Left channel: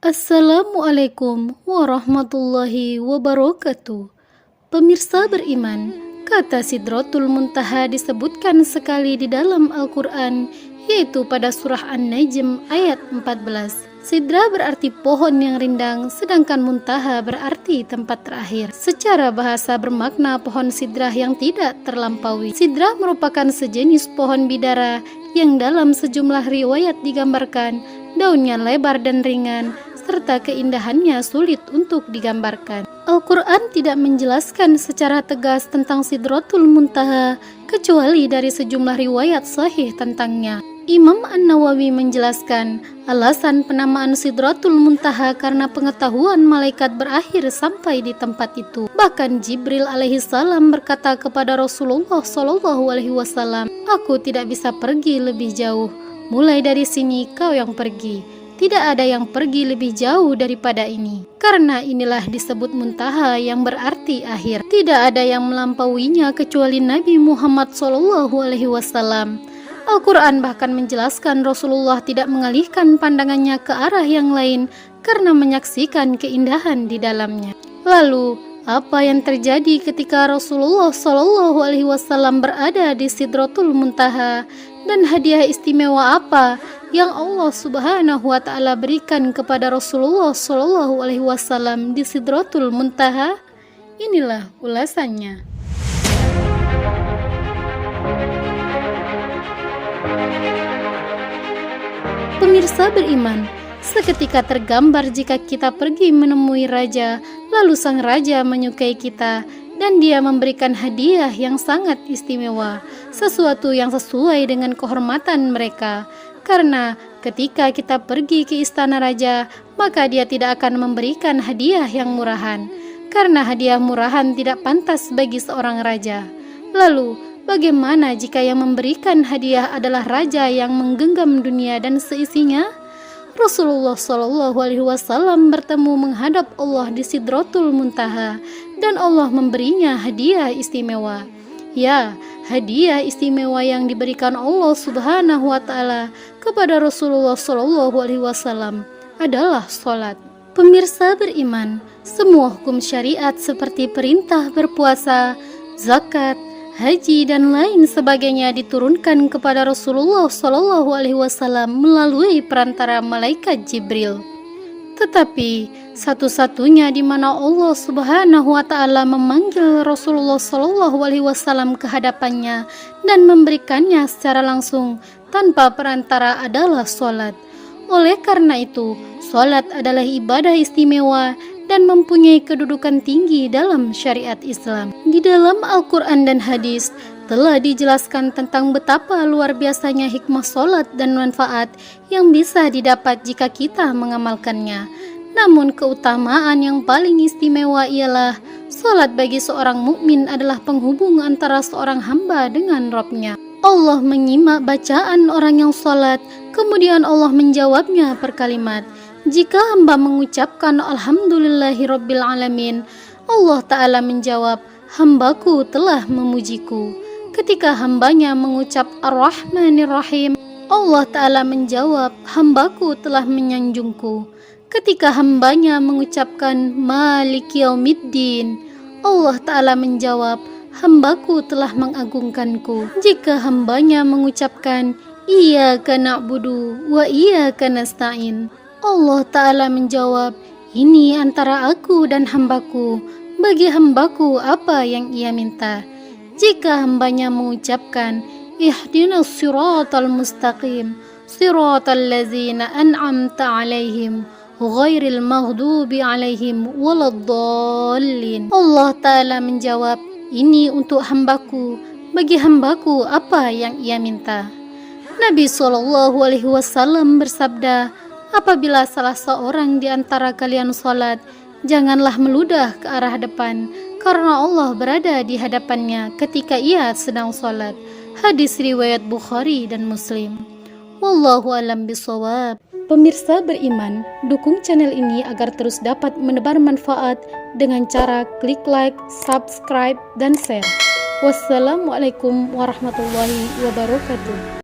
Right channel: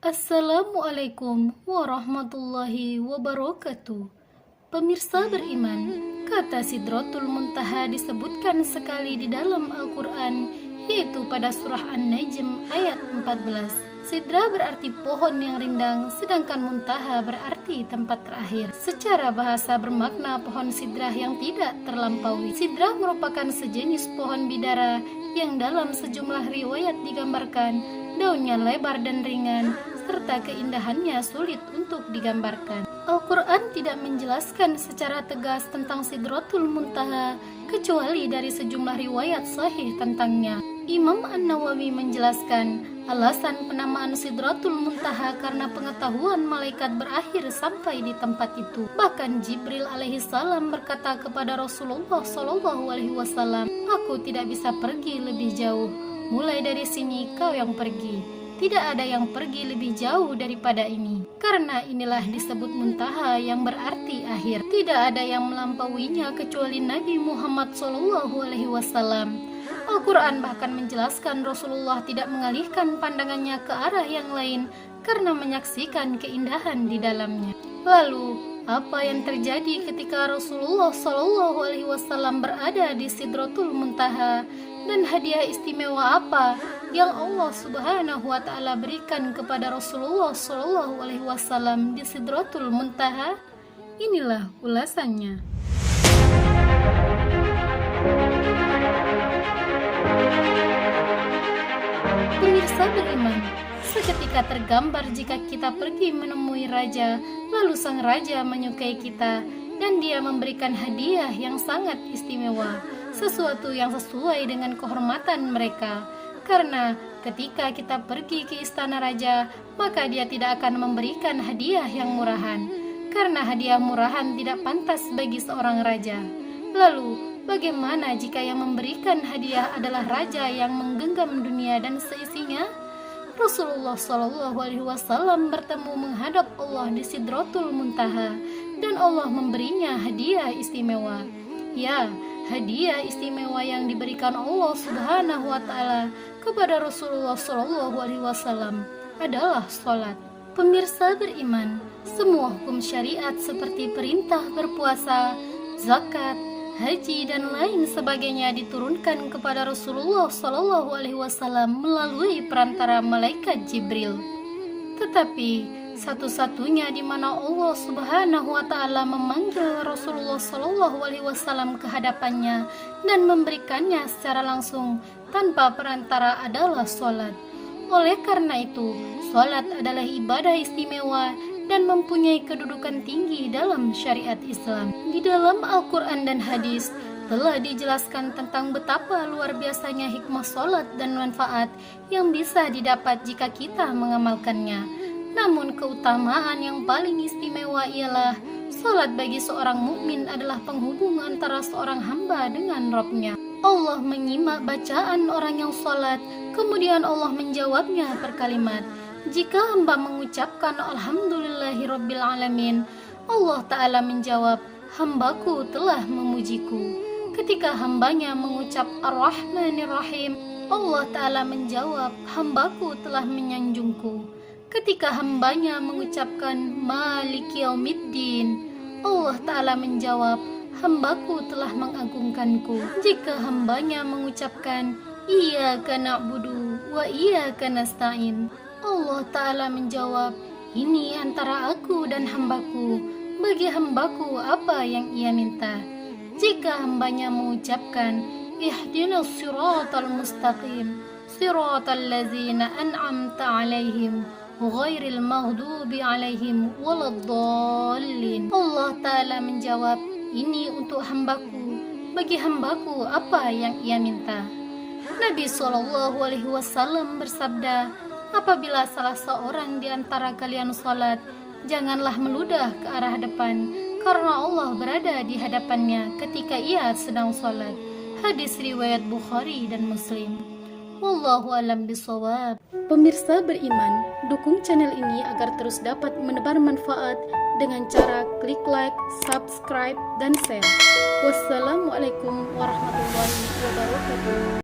Assalamualaikum warahmatullahi wabarakatuh. Pemirsa beriman, kata Sidratul Muntaha disebutkan sekali di dalam Al-Quran, yaitu pada surah An-Najm ayat 14. Sidra berarti pohon yang rindang, sedangkan muntaha berarti tempat terakhir. Secara bahasa bermakna pohon sidrah yang tidak terlampaui. Sidrah merupakan sejenis pohon bidara yang dalam sejumlah riwayat digambarkan daunnya lebar dan ringan, serta keindahannya sulit untuk digambarkan. Al-Quran tidak menjelaskan secara tegas tentang Sidratul Muntaha, kecuali dari sejumlah riwayat sahih tentangnya. Imam An-Nawawi menjelaskan alasan penamaan Sidratul Muntaha karena pengetahuan malaikat berakhir sampai di tempat itu. Bahkan Jibril alaihissalam berkata kepada Rasulullah SAW, "Aku tidak bisa pergi lebih jauh. Mulai dari sini kau yang pergi. Tidak ada yang pergi lebih jauh daripada ini." Karena inilah disebut muntaha yang berarti akhir. Tidak ada yang melampauinya kecuali Nabi Muhammad SAW. Al-Quran bahkan menjelaskan Rasulullah tidak mengalihkan pandangannya ke arah yang lain karena menyaksikan keindahan di dalamnya. Lalu, apa yang terjadi ketika Rasulullah SAW berada di Sidratul Muntaha, dan hadiah istimewa apa yang Allah Subhanahu wa Ta'ala berikan kepada Rasulullah SAW di Sidratul Muntaha? Inilah ulasannya. Pemirsa beriman, seketika tergambar jika kita pergi menemui raja, lalu sang raja menyukai kita dan dia memberikan hadiah yang sangat istimewa, sesuatu yang sesuai dengan kehormatan mereka. Karena ketika kita pergi ke istana raja, maka dia tidak akan memberikan hadiah yang murahan, karena hadiah murahan tidak pantas bagi seorang raja. Lalu, bagaimana jika yang memberikan hadiah adalah raja yang menggenggam dunia dan seisinya? Rasulullah SAW bertemu menghadap Allah di Sidratul Muntaha, dan Allah memberinya hadiah istimewa. Ya, hadiah istimewa yang diberikan Allah Subhanahu wa Ta'ala kepada Rasulullah SAW adalah sholat. Pemirsa beriman, semua hukum syariat seperti perintah berpuasa, zakat, haji dan lain sebagainya diturunkan kepada Rasulullah SAW melalui perantara malaikat Jibril. Tetapi satu-satunya di mana Allah Subhanahu wa Ta'ala memanggil Rasulullah SAW ke hadapannya dan memberikannya secara langsung tanpa perantara adalah sholat. Oleh karena itu, sholat adalah ibadah istimewa dan mempunyai kedudukan tinggi dalam syariat Islam. Di dalam Al-Quran dan hadis telah dijelaskan tentang betapa luar biasanya hikmah sholat dan manfaat yang bisa didapat jika kita mengamalkannya. Namun keutamaan yang paling istimewa ialah sholat bagi seorang mukmin adalah penghubung antara seorang hamba dengan Rabb-Nya. Allah menyimak bacaan orang yang sholat, kemudian Allah menjawabnya per kalimat. Jika hamba mengucapkan Alhamdulillahirabbil alamin, Allah Ta'ala menjawab, hambaku telah memujiku. Ketika hambanya mengucap Ar-Rahmanir-Rahim, Allah Ta'ala menjawab, hambaku telah menyanjungku. Ketika hambanya mengucapkan Maliki Yaumiddin, Allah Ta'ala menjawab, hambaku telah mengagungkanku. Jika hambanya mengucapkan Iyyaka na'budu wa iyyaka nasta'in, Allah Ta'ala menjawab, ini antara aku dan hambaku, bagi hambaku apa yang ia minta. Jika hambanya mengucapkan Ihdinas siratal mustaqim, siratal ladzina an'amta alaihim, ghairil maghdubi alaihim waladdallin, Allah Ta'ala menjawab, ini untuk hambaku, bagi hambaku apa yang ia minta. Nabi SAW bersabda, apabila salah seorang di antara kalian sholat, janganlah meludah ke arah depan, karena Allah berada di hadapannya ketika ia sedang sholat. Hadis riwayat Bukhari dan Muslim. Wallahu a'lam bishawab. Pemirsa beriman, dukung channel ini agar terus dapat menebar manfaat dengan cara klik like, subscribe, dan share. Wassalamualaikum warahmatullahi wabarakatuh.